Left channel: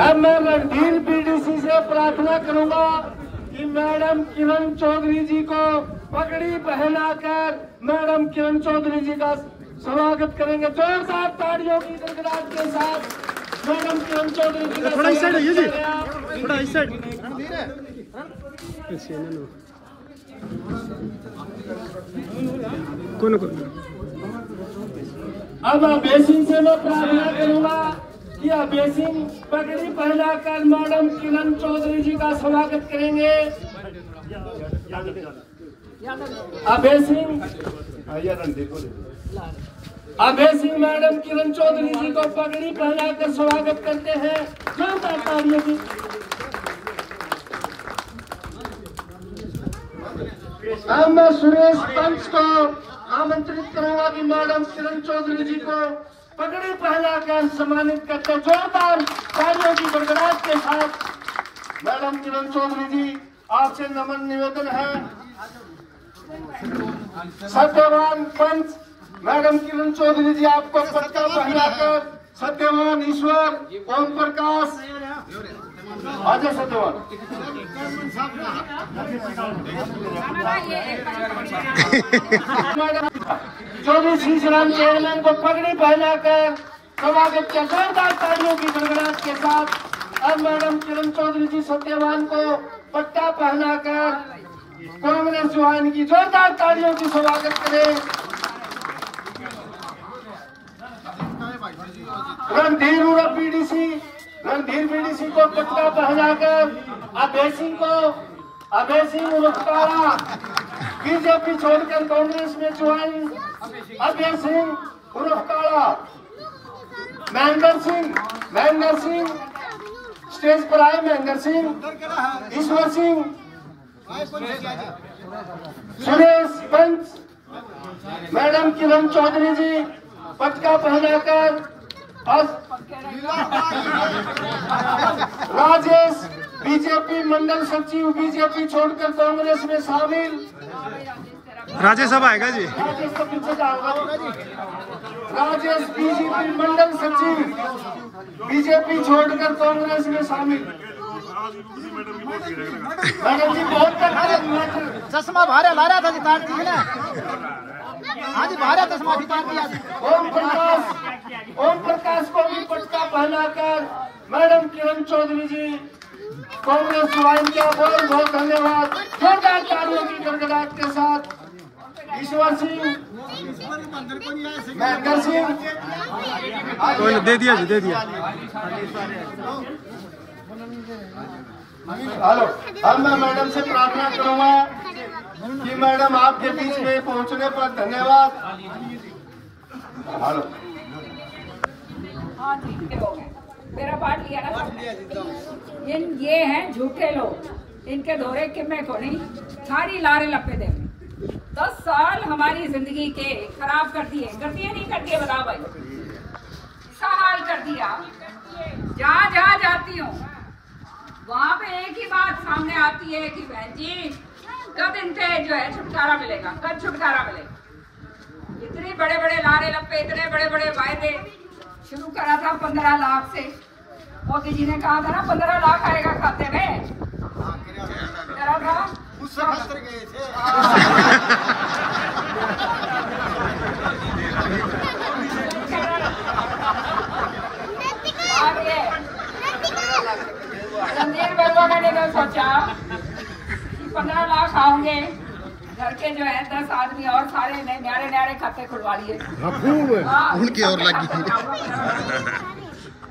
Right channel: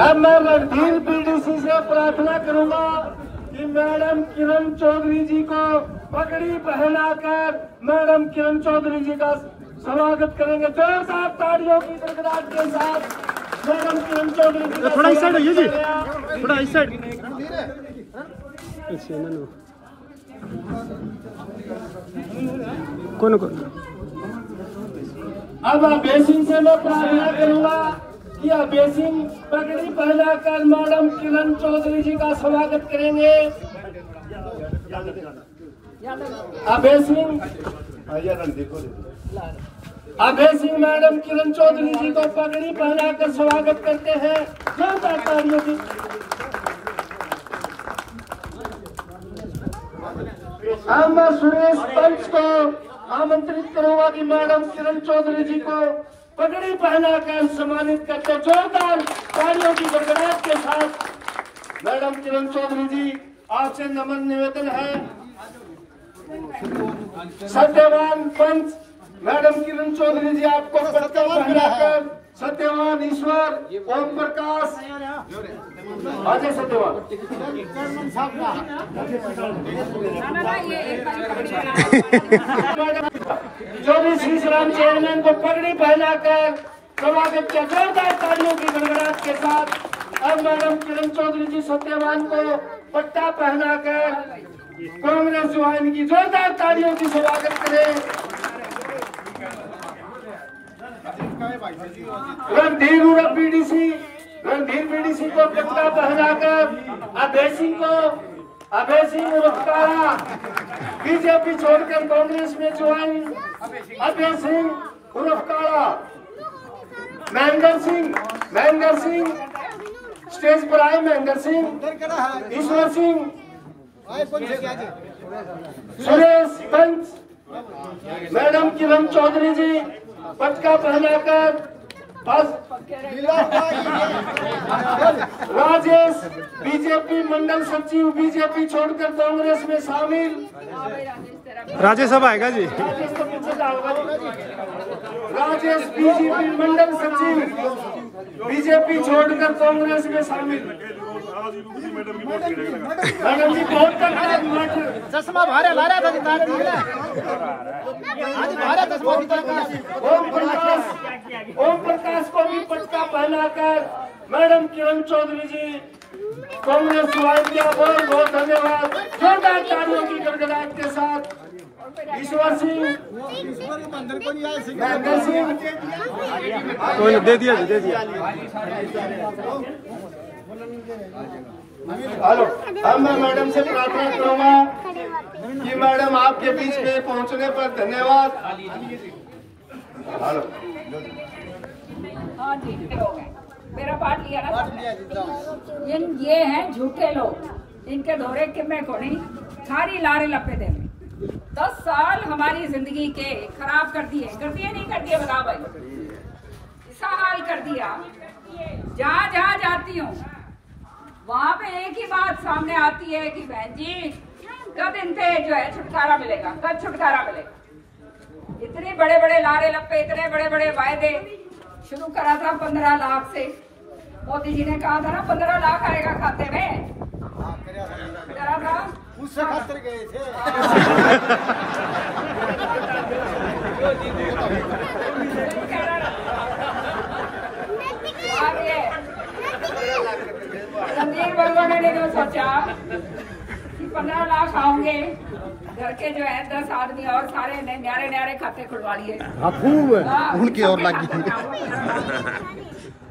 अब मैं रणधीर बीडीसी से प्रार्थना करूंगा कि मैडम किरण चौधरी जी को पगड़ी पहनाकर मैडम किरण चौधरी जी का स्वागत करेंगे। जोरदार तालियों की गड़गड़ाहट के साथ मैडम किरण चौधरी जी का थोड़ा इस साइड जी, थोड़ा इस साइड। कौन अब अभेसिंग से मैं प्रार्थना करूंगा कि अभेसिंग पगड़ी पहनाकर मैडम किरण चौधरी जी का स्वागत करेंगे। अभेसिंग मैडम किरण चौधरी जी को पगड़ी पहनाकर स्वागत करते हैं। जोरदार तालियों की। अब मैं सुरेश पंच को आमंत्रित करूंगा कि मैडम किरण चौधरी जी को पगड़ी पहनाकर सम्मानित करते। जोरदार तालियों की गड़गड़ाहट के साथ मैडम किरण चौधरी जी आपसे नमन निवेदन है। सत्यवान पंच मैडम किरण चौधरी जी आपको पट्टा पहनाकर सत्यवान ईश्वर ओम प्रकाश अजय सत्यवान चौधरी श्री राम चेयरमैन को पगड़ी पहनाकर स्वागत किया। जोरदार तालियों की गड़गड़ाहट के साथ अब मैडम किरण चौधरी जी सत्यवान को पट्टा पहनाकर कांग्रेस ज्वाइन की। जोरदार तालियों की स्वागत करें। रणधीर बीडीसी को पट्टा पहनाकर अभय सिंह उर्फकारा बीजेपी छोड़कर कांग्रेस में ज्वाइन। अभय सिंह उर्फकारा महेंद्र सिंह स्टेज पर आए। महेंद्र सिंह, ईश्वर सिंह, सुरेश पंच मैडम किरण चौधरी जी पटका पहनाकर राजेश बीजेपी मंडल सचिव बीजेपी छोड़कर कांग्रेस में शामिल। राजेश अब आएगा जी। राजेश बीजेपी मंडल सचिव बीजेपी छोड़कर कांग्रेस में शामिल। मैडम जी बहुत चश्मा भारे लाया था ओम प्रकाश को भी पटका पहनाकर मैडम किरण चौधरी जी कांग्रेस ज्वाइन किया। बहुत बहुत धन्यवाद। जोरदार तालियों की गड़गड़ाहट के साथ ईश्वर सिंह, महेंद्र सिंह दे दिया जी, दे दिया। हेलो, अब मैं मैडम से प्रार्थना करूंगा कि मैडम आपके बीच में पहुंचने पर धन्यवाद। हेलो, हाँ ठीक हो गए, मेरा पार्ट लिया ना। ये हैं झूठे लोग, इनके दौरे के मैं को नहीं सारी लारे लपे दे। 10 साल हमारी जिंदगी के खराब कर दिए नहीं कर दिए बताओ भाई। ऐसा हाल कर दिया। जहाँ जाती हूँ वहाँ पे एक ही बात सामने आती है कि बहन जी कब इनसे जो है छुटकारा मिलेगा, कब छुटकारा मिलेगा। इतने बड़े बड़े लारे लप्पे, इतने बड़े बड़े वायदे शुरू करा था 15 लाख से। मोदी जी ने कहा था ना 15 लाख आएगा खाते में। करा था उससे खातर गए थे। रणधीर बरुआ ने तो सोचा 15 लाख आओगे, घर के जो है 10 आदमी और सारे न्यारे खाते खुलवा लिए। उनकी और लगी।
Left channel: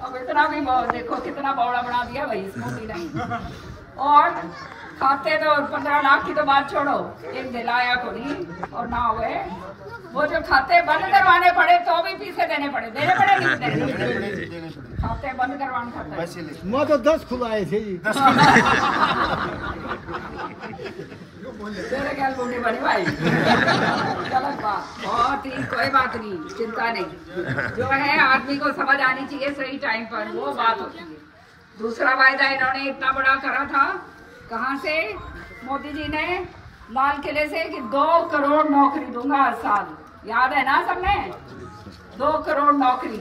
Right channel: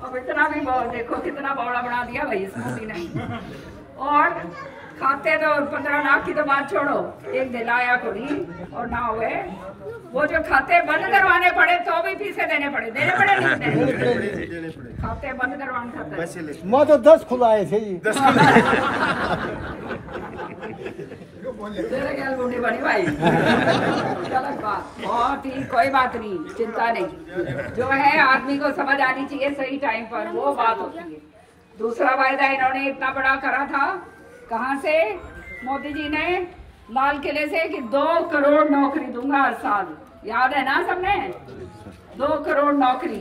अब इतना भी देखो कितना बौड़ा बना दिया भाई इस मोदी ने। और खाते तो 15 लाख की तो बात छोड़ो, एक दिलाया कोई और ना हुए। वो जो खाते बंद करवाने पड़े तो भी फीसे देने पड़े नहीं देने। खाते बंद करवाने मैं तो 10 खुलाए थे जी। बड़ी भाई बहुत ही कोई बात नहीं, चिंता नहीं। जो है आदमी को समझ आनी चाहिए सही टाइम पर, वो बात होती है। दूसरा वायदा इन्होंने इतना बड़ा करा था, कहाँ से? मोदी जी ने लाल किले से कि 2 करोड़ नौकरी दूंगा हर साल। याद है ना सबने? 2 करोड़ नौकरी।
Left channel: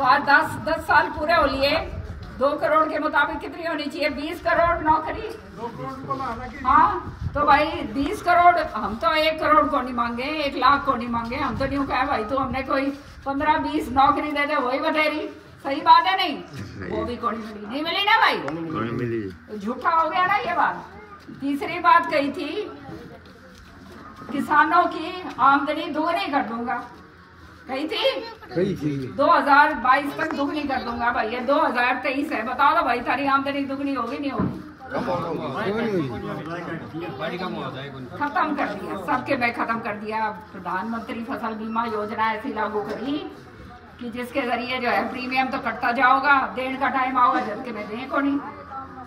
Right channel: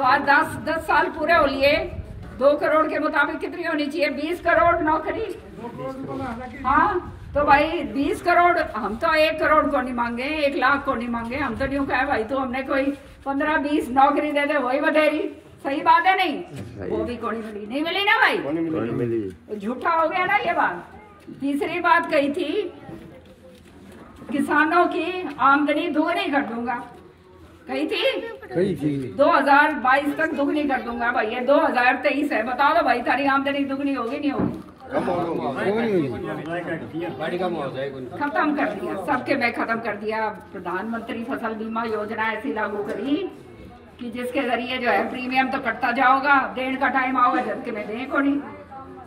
तो आज 10 साल पूरे हो लिए। 2 करोड़ के मुताबिक कितनी होनी चाहिए? 20 करोड़ नौकरी। हाँ, तो भाई 20 करोड़, हम तो 1 करोड़ को नहीं मांगे, 1 लाख को नहीं मांगे। हम तो यूँ कहे भाई तो हमने कोई 15-20 नौकरी दे दे, वही बटेरी। सही बात है नहीं? वो भी को नहीं मिली ना भाई, झूठा हो गया ना ये बात। तीसरी बात कही थी, किसानों की आमदनी दुगनी कर दूंगा, कही थी 2022 तक दुगनी कर दूंगा। भाई ये 2023 है, बता दो भाई तारी आमदनी दुगनी होगी नहीं होगी? खत्म कर दिया, सबके बैंक खत्म कर दिया। प्रधानमंत्री फसल बीमा योजना ऐसी लागू करी कि जिसके जरिए जो है प्रीमियम तो कटता जाओगा, देने का टाइम आओगा जबकि मैं देखो नहीं।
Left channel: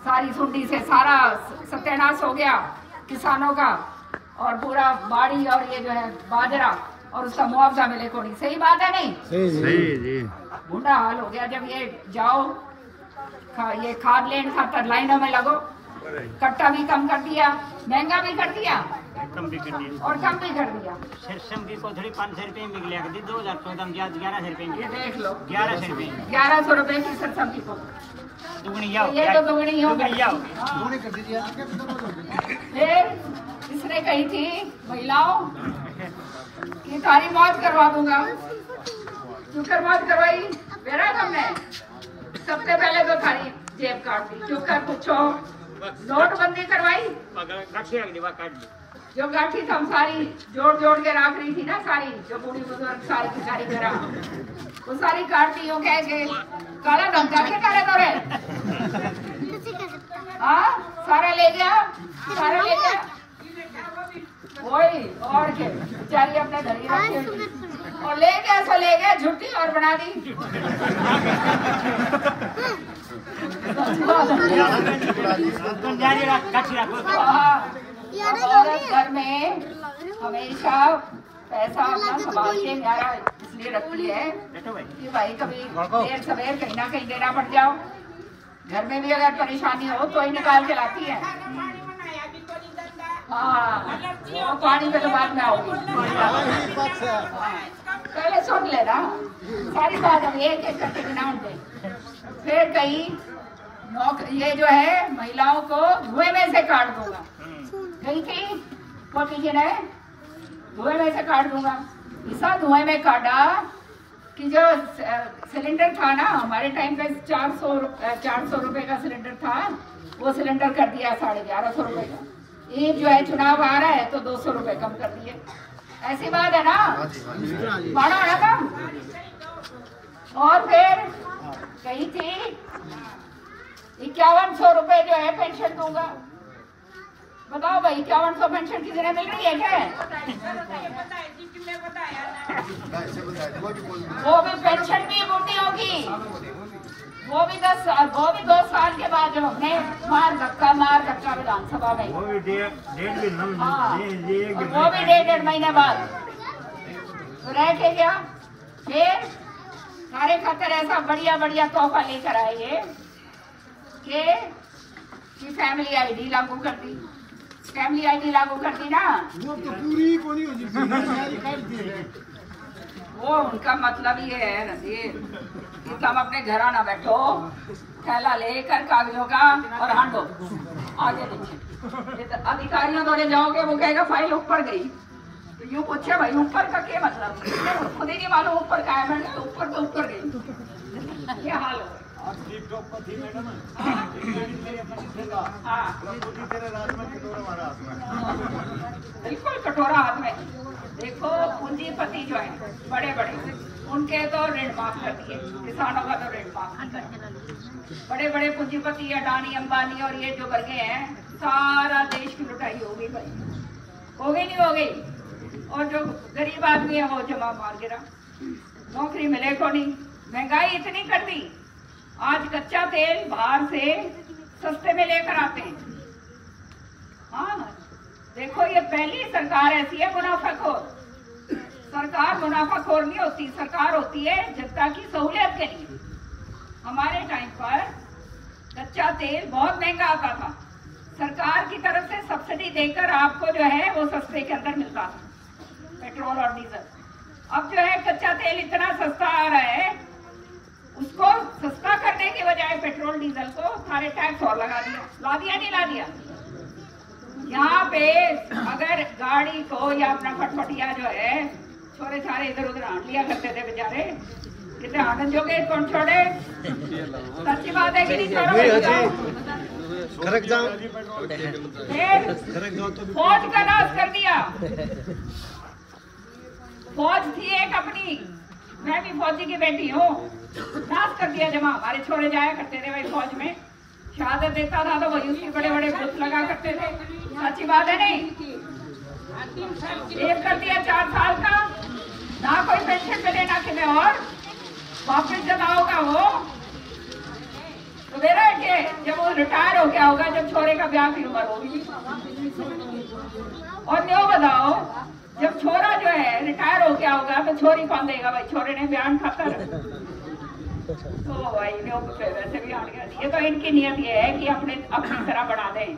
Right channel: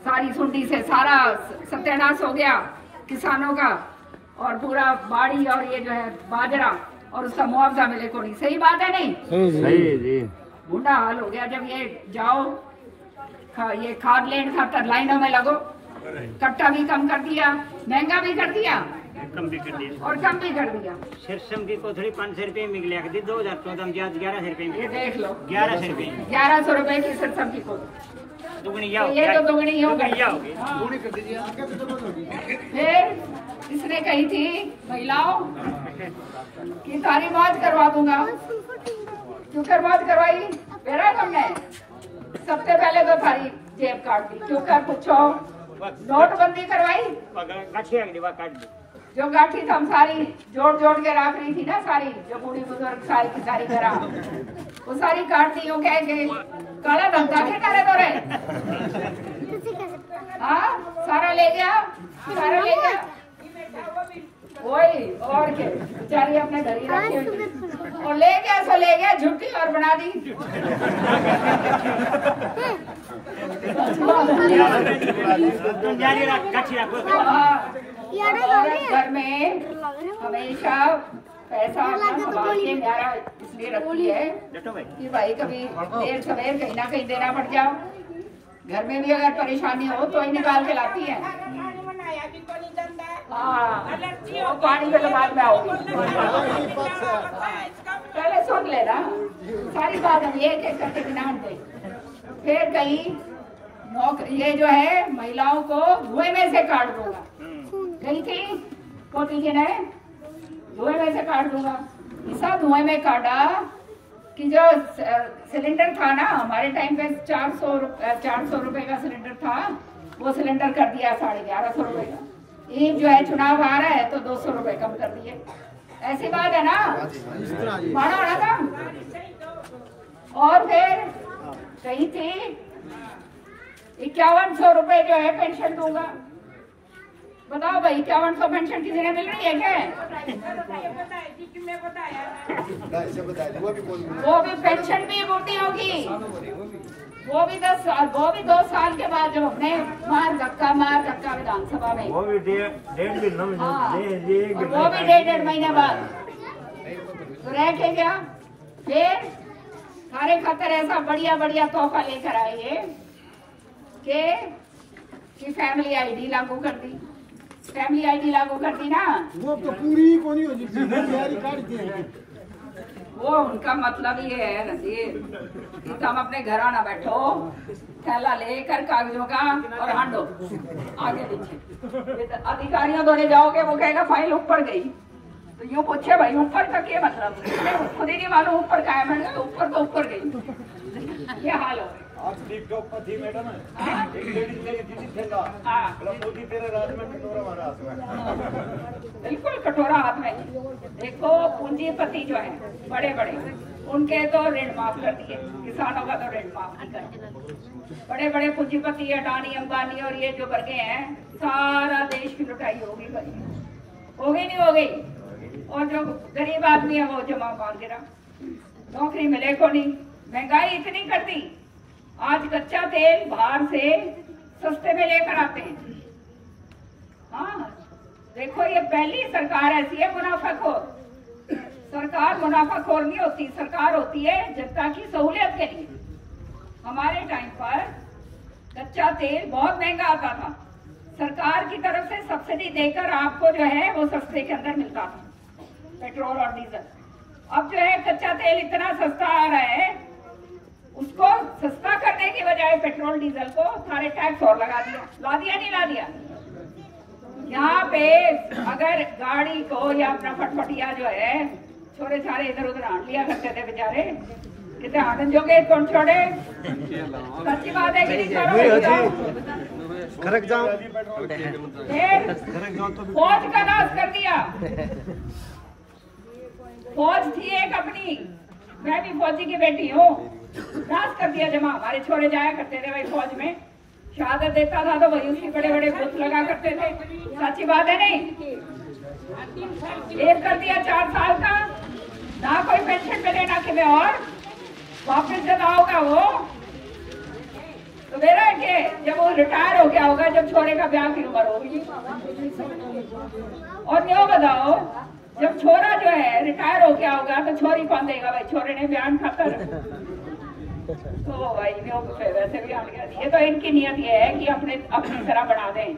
सारी सुंडी से सारा सत्यानाश हो गया किसानों का, और पूरा बाड़ी और ये जो है बाजरा और उसका मुआवजा मिले को नहीं। सही बात है नहीं? सही जी। बुरा हाल हो गया। जब ये जाओ ये खाद लेने खातर लाइनों में लगो, कट्टा भी कम कर दिया, महंगा भी कर दिया और कम भी कर दिया। सरसों की कोथड़ी 500 रुपए में मिल गया, 2014 में 1100 रुपए में। ये देख लो, 1100 रुपए, 1100 रुपए की सरसों की कोथड़ी दुगनी तो ये तो दुगनी हो गई। फिर इसने कही थी महिलाओं की तारी मौत करवा दूंगा। क्यों मौत करवाई? मेरा तुमने सबसे पहले तो थारी जेब काट दी। क्यों कर पूछो? नोटबंदी करवाई, जो गाठी हम सारी जोड़ जोड़ के रख रही थी ना, सारी जो बूढ़ी बुजुर्ग सारी करा, वो सारी काट दी। कह के काला धम जाके करे तो रहे, हाँ सारा ले गया, सारा ले गया। वही और के बेचारी अपने धरी रखी और ले गया, सो ले गया, झुट्टी और बना दी। घर में हमेशा पैसा संभाल के न्यारा इसलिए रखती है कि भाई कभी देर सवेर कहीं ना कहीं देना पड़ जाओ। घर में भी अगर परेशानी हो तो ही निकाल के लाती है। हाँ, वो पानी के बाद में आओगी। पहले सुन लेना सारी बात, हम एक एक करके गिनान दे। फिर कहीं ये जो है महिलाओं को धुएं में से काट दूंगा, कहीं थी कोटी जी ने धुएं में से काट दूंगा। ऐसा धुएं में काटा कि जो सिलेंडर था ना हमारे टाइम पे 400 रुपए का सिलेंडर था, वो सिलेंडर कर दिया 1150 रुपए का। ये जो है चुनाव आ रहा है तो 200 रुपए कम कर दिए। ऐसी बात है ना, माना ना कम। और फिर कही थी 5100 रुपए जो है पेंशन दूंगा। बताओ भाई 5100 पेंशन किसी ने मिल रही है क्या? वो भी पेंशन भी बूटी होगी, वो भी 2 साल के बाद जब अपने मार धक्का विधानसभा में, वो भी डेढ़ महीने बाद तो रह के गया। फिर सारे खतर ऐसा बढ़िया तोहफा लेकर आए कि फैमिली आईडी लागू कर दी। फैमिली आईडी लागू कर दी ना, वो तो पूरी को नहीं होती, वो उनका मतलब ये है नजीर कि तुम अपने घर आना बैठो, थैला लेकर कागजों का और हांडो आगे पीछे। अधिकारियों द्वारा जाओगे वो कहेगा फाइल ऊपर गई, तो यूँ पूछे भाई ऊपर का क्या मतलब? खुद ही नहीं मालूम ऊपर का है। मैंने ऊपर तो ऊपर गई। क्या हाल है? बिल्कुल कटोरा हाथ में। देखो पूंजीपति जो है बड़े उनके तो ऋण माफ कर दिए, किसानों का तो ऋण माफ कर दिया। बड़े पूंजीपति अडानी अंबानी और ये जो वर्गे हैं, सारा देश की लुटाई होगी भाई, होगी नहीं हो गई। और जो गरीब आदमी है वो जमा मार गिरा, नौकरी मिले को नहीं। महंगाई इतनी कर दी, आज कच्चा तेल बाहर से सस्ते में लेकर आते हैं। हाँ देखो ये पहली सरकार ऐसी है मुनाफाखोर। सरकार मुनाफाखोर नहीं होती, सरकार होती है जनता की सहूलियत के लिए। हमारे टाइम पर कच्चा तेल बहुत महंगा आता था, सरकार की तरफ से सब्सिडी देकर आपको जो है वो सस्ते के अंदर मिलता था, पेट्रोल और डीजल। अब जो है कच्चा तेल इतना सस्ता आ रहा है उसको सस्ता करने के बजाय पेट्रोल डीजल को सारे टैक्स और लगा दिया। ला दिया नहीं ला दिया? यहाँ पे अगर गाड़ी को या अपना फटफटिया जो है छोरे सारे इधर उधर आंट लिया करते थे बेचारे, कितने आनंद जोगे कौन छोड़े? सच्ची बात है कि नहीं? छोड़ो। फौज का नाश कर दिया। फौज थी एक अपनी, मैं भी फौजी की बेटी हूँ, नाश कर दिया जमा। हमारे छोरे जाया करते थे भाई फौज में, शहादत देता था तो वही उसकी बड़े बड़े बुत लगा करते थे। सच्ची बात है नहीं? एक कर दिया 4 साल का, ना कोई पेंशन मिले ना किसी और, वापस जब आओगा वो तो मेरा है कि जब वो रिटायर हो गया होगा, जब छोरे का ब्याह की उम्र होगी। और न्यो बताओ, जब छोरा जो है रिटायर हो गया होगा तो छोरी कौन देगा भाई? छोरे ने बयान खाता है तो भाई न्यो वैसे भी आ गया। ये तो इनकी नियत ये है कि अपनी तरह बना दें,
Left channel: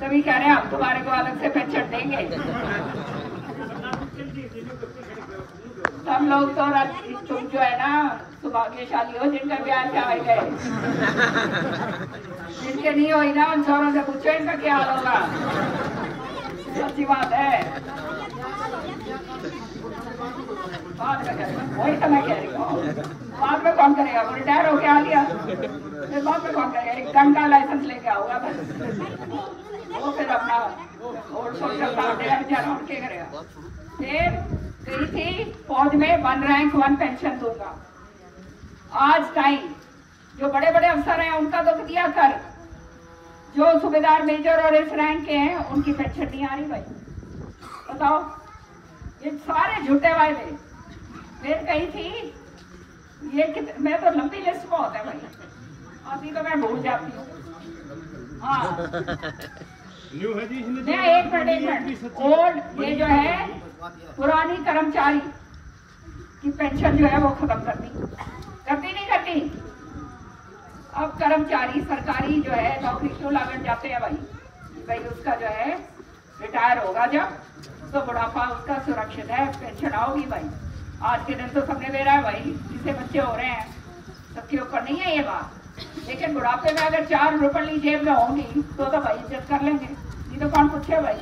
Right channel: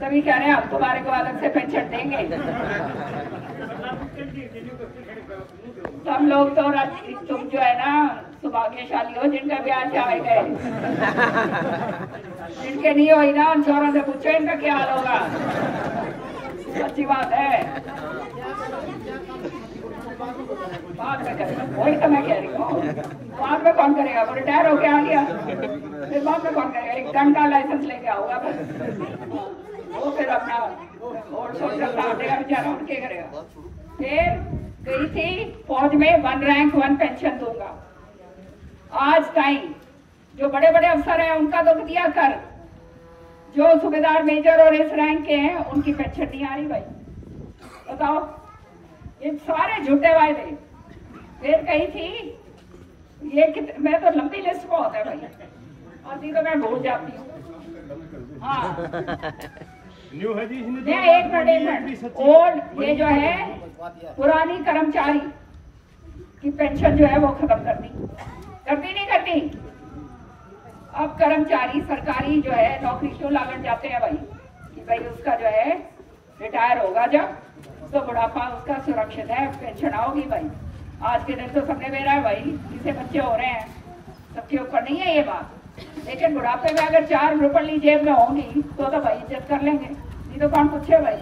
तभी कह रहे हैं हम तुम्हारे को अलग से पेंशन देंगे। हम लोग तो तुम जो है ना सौभाग्यशाली हो जिनका ब्याह चाहे गए, जिनके नहीं हुई ना उन छोरों से पूछो इनका क्या हाल होगा। अच्छी बात है। वही तो मैं कह रही हूँ, बाद में कौन करेगा? वो रिटायर होके आ गया, फिर बाद में कौन करेगा? एक घंटा लाइसेंस लेके आऊंगा वो फिर अपना क्या करेगा? फिर गई थी फौज में 1 रैंक 1 पेंशन दूंगा। आज टाइम जो बड़े बड़े अफसर हैं उनका तो दिया कर, जो सूबेदार मेजर और इस रैंक के हैं उनकी पेंशन नहीं आ रही भाई। बताओ, ये सारे झूठे वायदे। फिर कही थी ये मैं तो लंबी लिस्ट में होता है भाई, अभी तो मैं भूल जाती हूँ। हाँ एक मिनट, और ये जो है पुरानी कर्मचारी की पेंशन जो है वो खत्म करती नहीं करती। अब कर्मचारी सरकारी जो है नौकरी क्यों लागत जाते हैं भाई उसका जो है रिटायर होगा जब तो बुढ़ापा उसका सुरक्षित है, पेंशन आओगी भाई। आज के दिन तो समय दे रहा है भाई, जिससे बच्चे हो रहे हैं सबके ऊपर नहीं है ये बात, लेकिन बुढ़ापे में अगर 4 रुपये जेब में होंगी तो भाई इज्जत कर लेंगे। ये तो कौन पूछे भाई,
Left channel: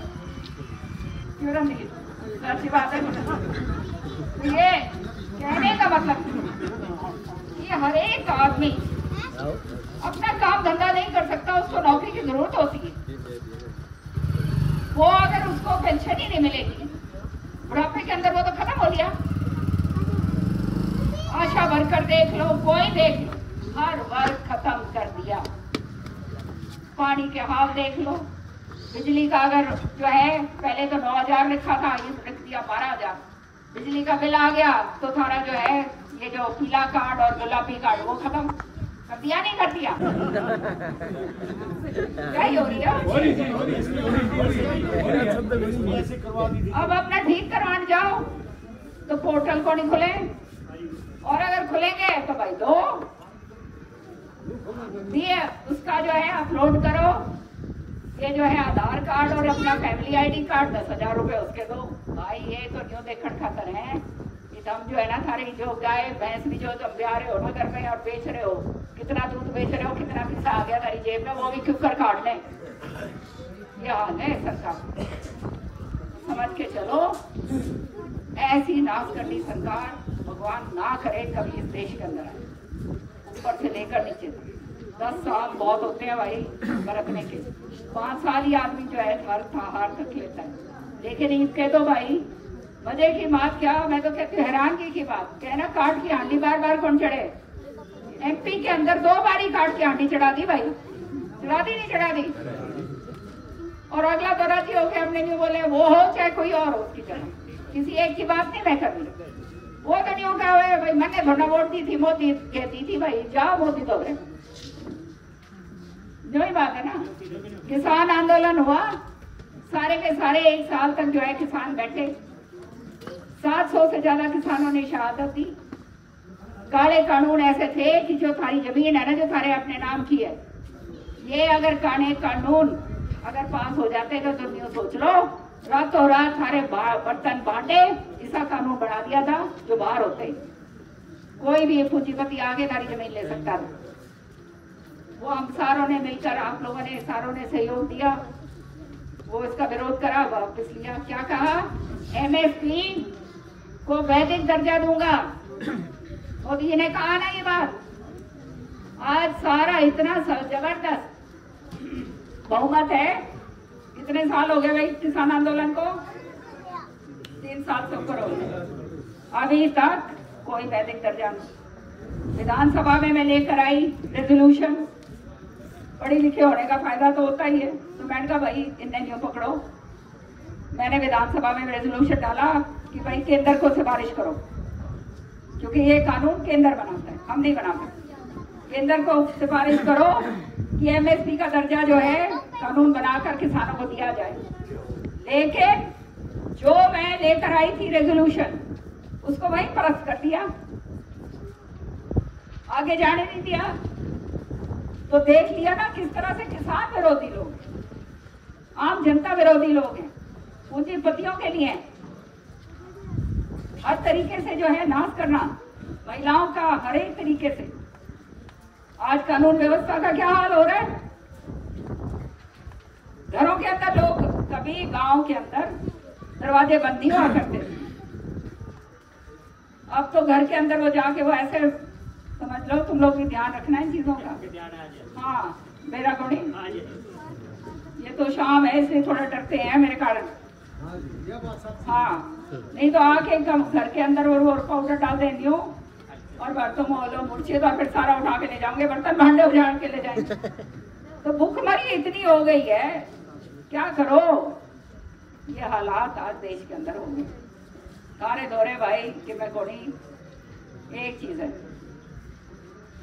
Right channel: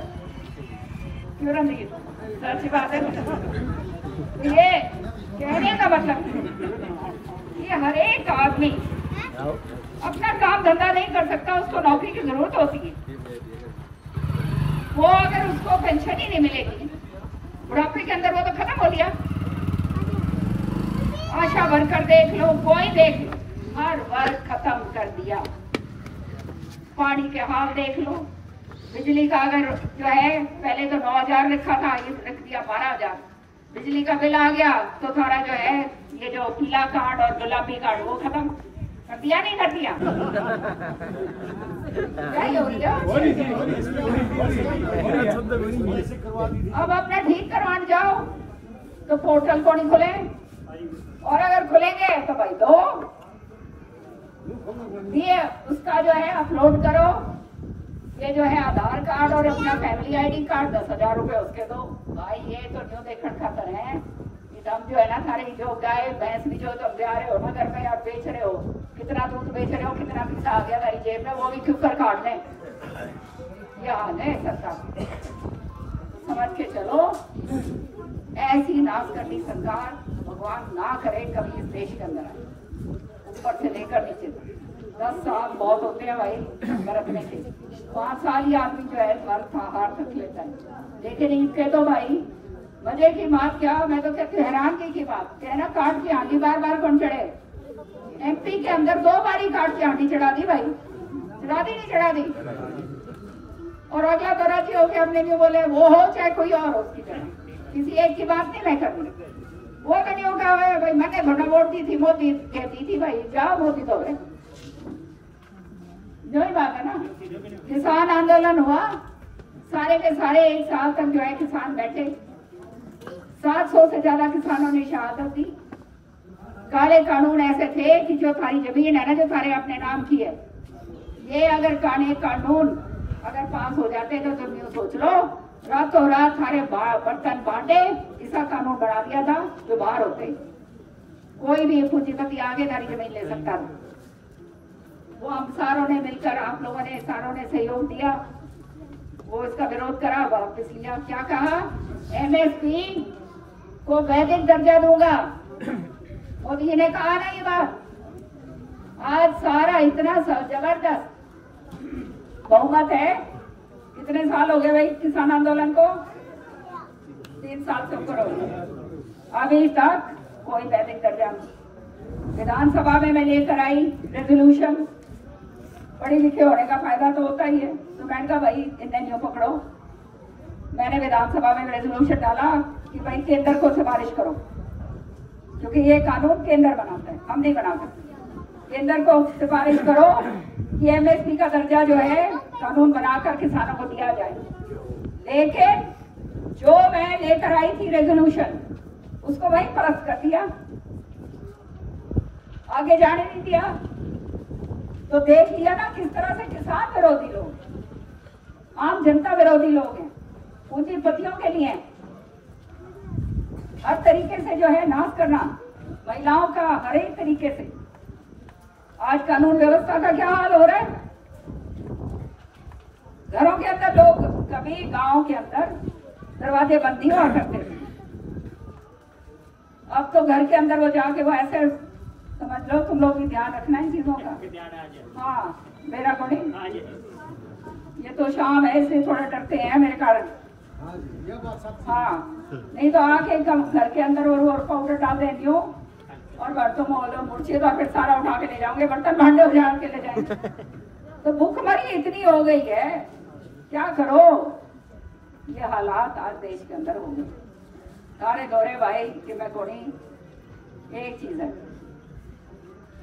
क्यों रही अच्छी बात है। तो ये कहने का मतलब ये हर एक आदमी अपना काम धंधा नहीं कर सकता, उसको नौकरी की जरूरत होती है। वो अगर उसको पेंशन ही नहीं मिलेगी बुढ़ापे के अंदर, वो तो खत्म हो गया। आशा वर्कर देख लो, कोई देख लो, हर वर्ग खत्म कर दिया। पानी के हाल देख लो, बिजली का अगर जो है पहले तो 9,000 लिखा था, ये रख दिया 12,000। बिजली का बिल आ गया तो थारा जो है ये जो पीला कार्ड और गुलाबी कार्ड वो खत्म कर दिया, नहीं कर दिया? अब अपना ठीक करवाने जाओ तो पोर्टल को नहीं खुले, और अगर खुलेंगे तो भाई दो दिए उसका जो है अपलोड करो। ये जो है आधार कार्ड और अपना फैमिली आईडी कार्ड 10,000 रुपए उसके दो भाई। ये तो न्यू देखने खातर है कि तुम जो है ना सारे जो गाय भैंस भी जो तुम ब्याह रहे हो ना घर में और बेच रहे हो, कितना दूध बेच रहे हो, कितना पैसा आ गया तारी जेब में, वो भी क्यों कर काट लें। ये हाल है सरकार, समझ के चलो। ऐसी नाश करनी सरकार भगवान ना करे कभी इस देश के अंदर आए, ऊपर से लेकर नीचे तक। 10 साल बहुत होते हैं भाई बरतने के, 5 साल ही आदमी जो है हार तक लेता है। लेकिन इसके तो भाई मजे की बात क्या, मैं तो कहती हूँ हैरानगी की बात, कहना काट की हांडी बार बार कौन चढ़े। MP के अंदर 2 बार ही काट की हांडी चढ़ा दी भाई, चढ़ा दी नहीं चढ़ा दी। और अगला तो राजी हो गया, हमने नहीं बोले वो हो चाहे कोई और हो, उसकी तरह किसी एक की बात नहीं मैं करनी। वो तो नहीं होगा भाई, मैंने थोड़ा वोट दी थी, मोदी कहती थी भाई जाओ मोदी तो है, जो ही बात है ना। किसान आंदोलन हुआ, सारे के सारे 1 साल तक जो है किसान बैठे, 700 से ज्यादा किसानों ने शहादत दी। काले कानून ऐसे थे कि जो सारी जमीन है ना जो सारे अपने नाम की है, ये अगर कानून अगर पास हो जाते तो तुम यूं सोच लो रातों रात सारे बर्तन बांटे, ऐसा कानून बना दिया था जो बाहर होते कोई भी पूंजीपति आगे नारी जमीन ले सकता था। वो हम सारों ने मिलकर, आप लोगों ने सारों ने सहयोग दिया, वो इसका विरोध करा, वापस लिया। क्या कहा? एमएसपी को वैदिक दर्जा दूंगा। मोदी जी ने कहा ना ये बात। आज सारा इतना जबरदस्त बहुमत है। कितने साल हो गए भाई किसान आंदोलन को? 3 साल से ऊपर हो गए, अभी तक कोई वैदिक दर्जा नहीं। विधानसभा में मैं लेकर आई रेजोल्यूशन। पढ़े लिखे होने का फायदा तो होता ही है, तो मैंने कहा भाई इन्हें न्यू पकड़ो। मैंने विधानसभा में रेजोल्यूशन डाला कि भाई केंद्र को सिफारिश करो, क्योंकि ये कानून केंद्र बनाता है, हम नहीं बनाते। केंद्र को सिफारिश करो कि एमएसपी का दर्जा जो है कानून बनाकर किसानों को दिया जाए। लेकिन जो मैं लेकर आई थी रेजोल्यूशन, उसको वहीं परस्त कर दिया, आगे जाने नहीं दिया। तो देख लिया ना किस तरह से किसान विरोधी लोग, आम जनता विरोधी लोग हैं, पूंजीपतियों के लिए हर तरीके से जो है नाश करना महिलाओं का, हर एक तरीके से। आज कानून व्यवस्था का क्या हाल हो रहा है? घरों के अंदर लोग, कभी गांव के अंदर दरवाजे बंद नहीं हुआ करते थे, अब तो घर के अंदर वो जाके वो ऐसे, समझ लो तुम लोग भी ध्यान रखना इन चीजों का। हाँ, मेरा को नहीं, ये तो शाम है इसलिए थोड़ा डरते हैं मेरे कारण। हाँ, नहीं तो आके घर के अंदर और पाउडर डाल देंगी हो और बर्तन मोलो मुर्चे तो फिर सारा उठा के ले जाओगे, बर्तन भांडे उजाड़ के ले जाएंगे। तो भूखमरी इतनी हो गई है, क्या करो? ये हालात आज देश के अंदर हो गए। सारे दौरे भाई कि मैं कोनी एक चीज है,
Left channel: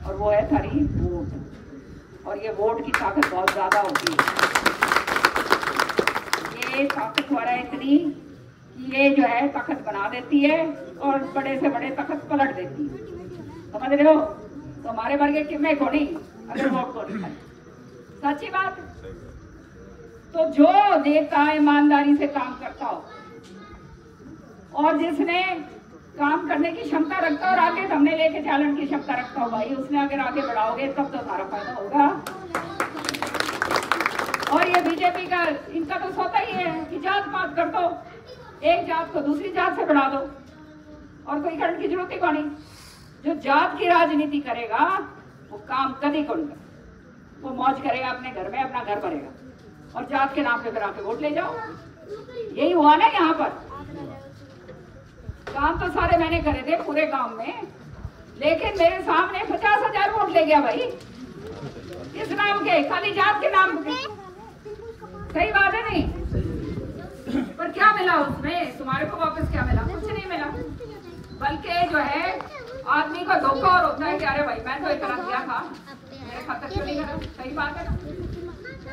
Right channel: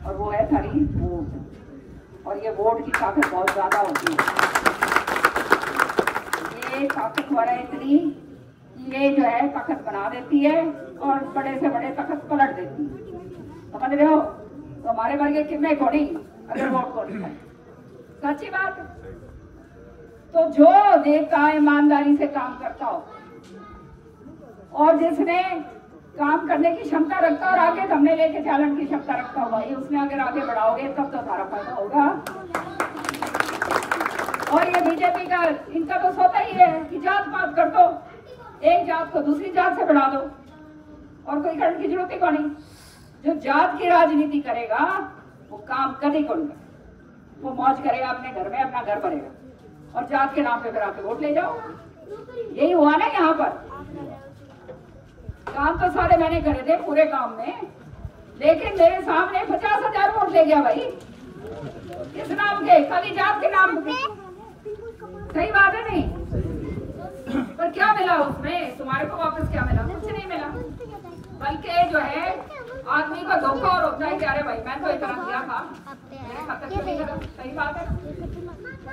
और वो है थारी वोट। और ये वोट की ताकत बहुत ज्यादा होती है। ये ताकतवर है इतनी कि ये जो है ताकत बना देती है और बड़े से बड़े ताकत पलट देती है। समझ रहे हो? तो हमारे वर्ग की में कोनी अगर वोट को सच्ची बात। तो जो नेता ईमानदारी से काम करता हो और जिसने काम करने की क्षमता रखता और आगे सामने लेके चलने की क्षमता रखता हो, भाई उसने अगर आगे बढ़ाओगे तब तो सारा फायदा होगा। और ये बीजेपी का, इनका तो सोता ही है कि जात पात कर दो, एक जात को दूसरी जात से बढ़ा दो और कोई करने की जरूरत ही को नहीं। जो जात की राजनीति करेगा वो काम कभी को नहीं करेगा, वो मौज करेगा अपने घर में, अपना घर भरेगा और जात के नाम पे फिर आके वोट ले जाओ। यही हुआ ना यहाँ पर। काम तो सारे मैंने करे थे पूरे गांव में, लेकिन मेरे सामने 50,000 वोट ले गया भाई। किस नाम के? खाली जात के नाम पे। सही बात है नहीं? पर क्या मिला उसमें? तुम्हारे को वापस क्या मिला? कुछ नहीं मिला। बल्कि जो है आदमी का धोखा और होता है कि अरे भाई मैं तो इतना दिया था, मेरे खाते क्यों नहीं लगा। सही बात है।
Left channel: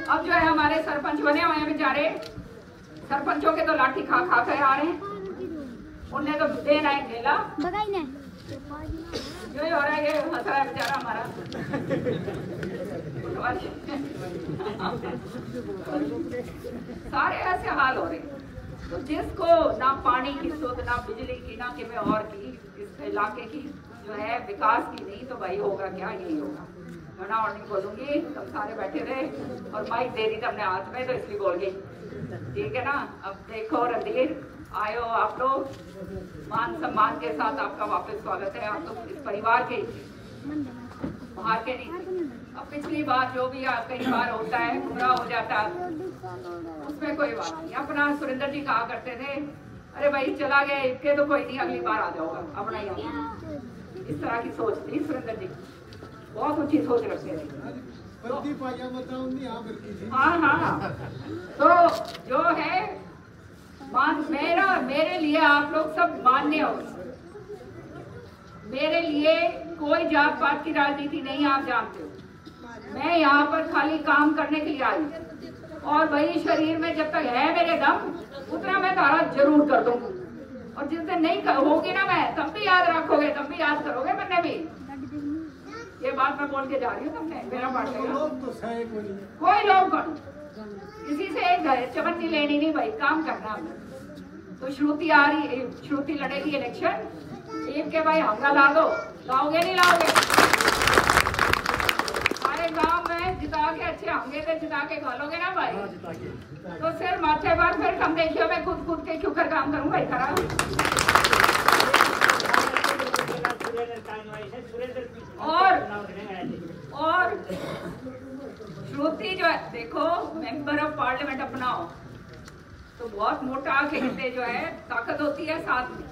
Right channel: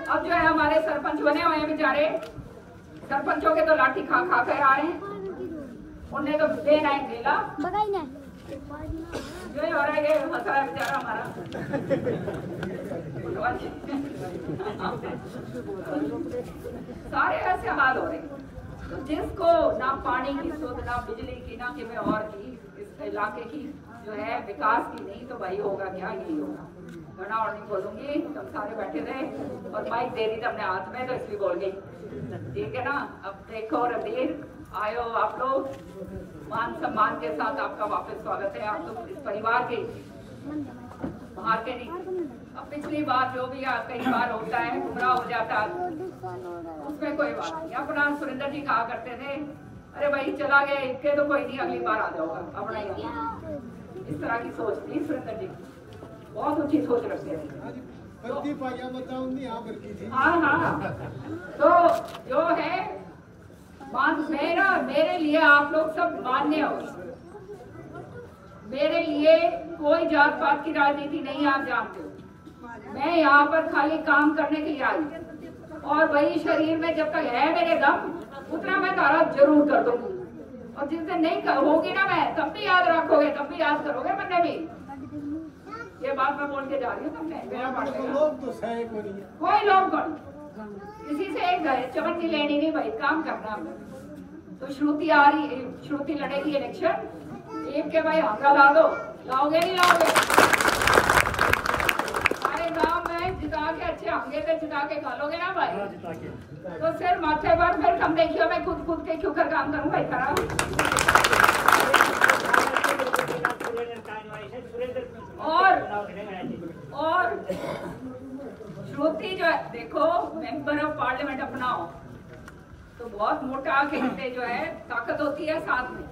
अब जो है हमारे सरपंच बने हुए बेचारे, सरपंचों के तो लाठी खा खा कर आ रहे हैं, उन्हें तो देना है गेला। जो हो रहा है ये हंस रहा है बेचारा हमारा। सारे ऐसे हाल हो रहे। तो जिसको ना पानी की शुद्ध, ना बिजली की, ना कि और की, इस इलाके की जो है विकास की नहीं, तो भाई होगा क्या? यही होगा। घना और नहीं बोलूंगी, तुम सारे बैठे रहे और माइक दे दी तुमने हाथ में तो इसलिए बोल गई। ठीक है ना? अब देखो रणधीर, आयो आप लोग, मान सम्मान के साथ आपका वापस स्वागत है। आप लोग इस परिवार के बाहर के नहीं। अब पिछली बार जो भी कई बार होता है, गुमराह हो जाता है, उसमें कोई बात नहीं। अपना सुरेंद्र जी कहा करते थे, अरे भाई चला गया इसके तो कोई नहीं, अगली बार आ जाओगा, अपना ही होगा। इस तरह की सोच थी सुरेंद्र जी, बहुत ऊंची सोच रखते थे। हाँ, तो जो है मेरे लिए आप लोग सब मान्य हो। मेरे लिए कोई जात पात की राजनीति नहीं, आप जानते हो। मैं यहाँ पर खाली काम करने के लिए आई, और वही शरीर में जब तक है मेरे दम उतना मैं तारा जरूर कर दूंगी। और जिस दिन नहीं होगी ना मैं, तब भी याद रखोगे, तब भी याद करोगे मैंने भी। ये बात मैं बोल के जा रही हूँ तुमने, मेरा बात लोग तो सही कोई लोग कौन, किसी से एक चमन की लेनी नहीं भाई, काम करना हमने। तो श्रुति आ रही, श्रुति लड़ेगी इलेक्शन, एक के भाई हंगा ला दो, लाओगे नहीं लाओगे? हमारे गांव में जिता के अच्छे होंगे तो जिता के खा लोगे ना भाई? तो सिर माथे पर फिर हम देखियो मैं कूद कूद के क्यों कर काम करूं भाई खराब। और श्रुति जो है देखो मेंबर ऑफ पार्लियामेंट अपनाओ तो बहुत मोटा खेलते जो है ताकत होती है साथ में।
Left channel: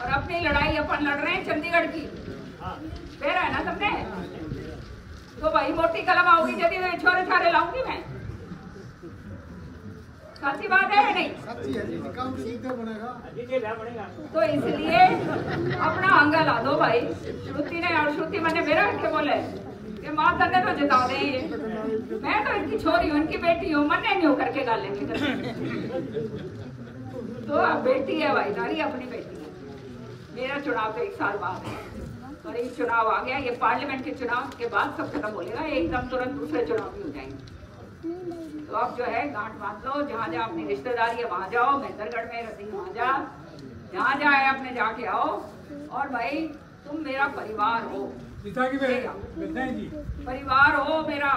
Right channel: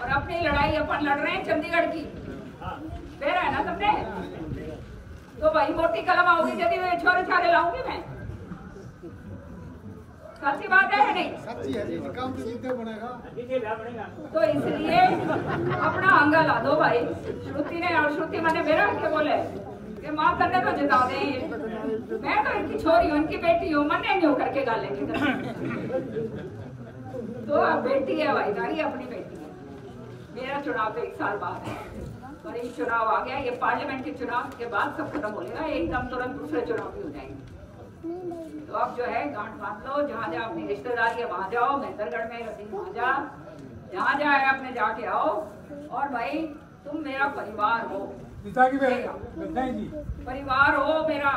और अपनी लड़ाई अपन लड़ रहे हैं चंडीगढ़ की फिर है ना तुमने तो भाई मोटी कलम आओगी यदि तो छोरे छारे लाऊंगी मैं। सच्ची बात है नहीं? सच्ची है जी, काम तो जितना बनेगा। तो इसलिए अपना अंगा ला दो भाई। श्रुति ने और श्रुति मैंने मेरा के बोले कि माँ तन्ने तो जिता दे, मैं तो इनकी छोरी हूँ इनकी बेटी हूँ, मन नहीं होकर के गाले तो बेटी है भाई सारी अपनी बेटी है। मेरा चुनाव तो 1 साल बाद है और एक चुनाव आ गया, ये पार्लियामेंट के चुनाव के बाद सब खत्म हो जाएगा, एकदम तुरंत दूसरे चुनाव भी हो जाएंगे। तो अब जो है गांठ बांध लो, जहाँ जहाँ अपनी रिश्तेदारी है वहाँ जाओ, महेंद्रगढ़ में रसी वहाँ जा, जहाँ जहाँ है अपने जाके आओ। और भाई तुम मेरा परिवार हो, परिवार हो मेरा,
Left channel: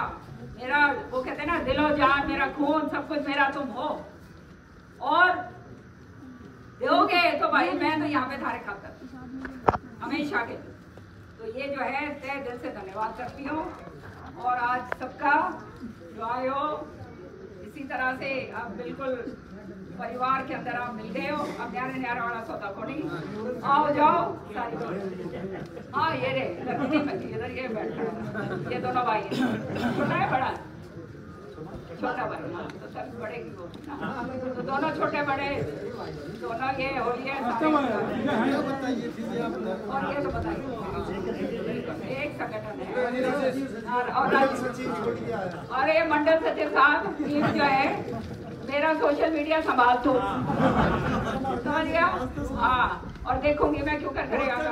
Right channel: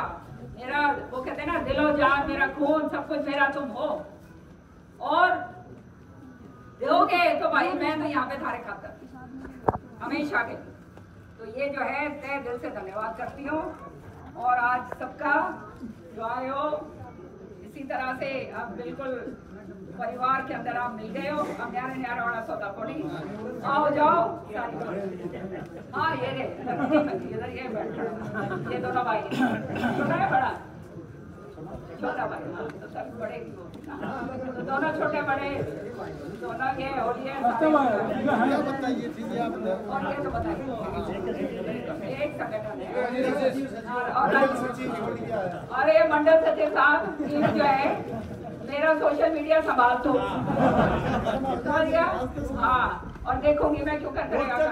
मेरा वो कहते हैं ना दिलो जान मेरा खून सब कुछ मेरा तुम हो। और दोगे तो भाई मैं तो यहाँ पे थारे खातर हमेशा के। तो ये जो है तहे दिल से धन्यवाद करती हूँ। और आज सबका जो आए हो इसी तरह से अब बिल्कुल परिवार के अंदर आप मिल गए हो। अब न्यारे न्यारा वाला सौदा कोड़ी आओ जाओ सारी। हाँ ये रे इधर ये बैठ ये दोनों भाई छोटा है बड़ा छोटा भाई तो सब बड़े की तो दोनों छोटे बड़े दोनों ये होलिए बताइए दीदी आपने। और ये तो बताइए एक संगठन है और ये मंडल सचिव साहब टीम जो है मेरा सोशल मीडिया संभाल तो समझ गया। हाँ और देखूंगी मैं क्यों कर करेगा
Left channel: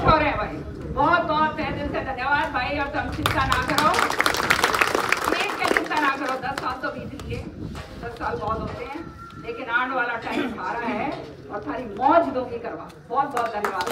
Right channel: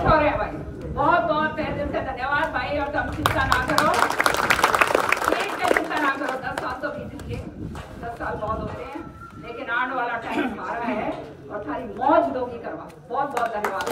छोरे भाई बहुत बहुत तहे दिल से धन्यवाद भाई। और तुम चिंता ना करो, चिंता ना करो, 10 साल तो बीत लिए, 10 साल बहुत होते हैं लेकिन आने वाला टाइम सारा है और थारी मौज दोगी करवा। बहुत बहुत धन्यवाद।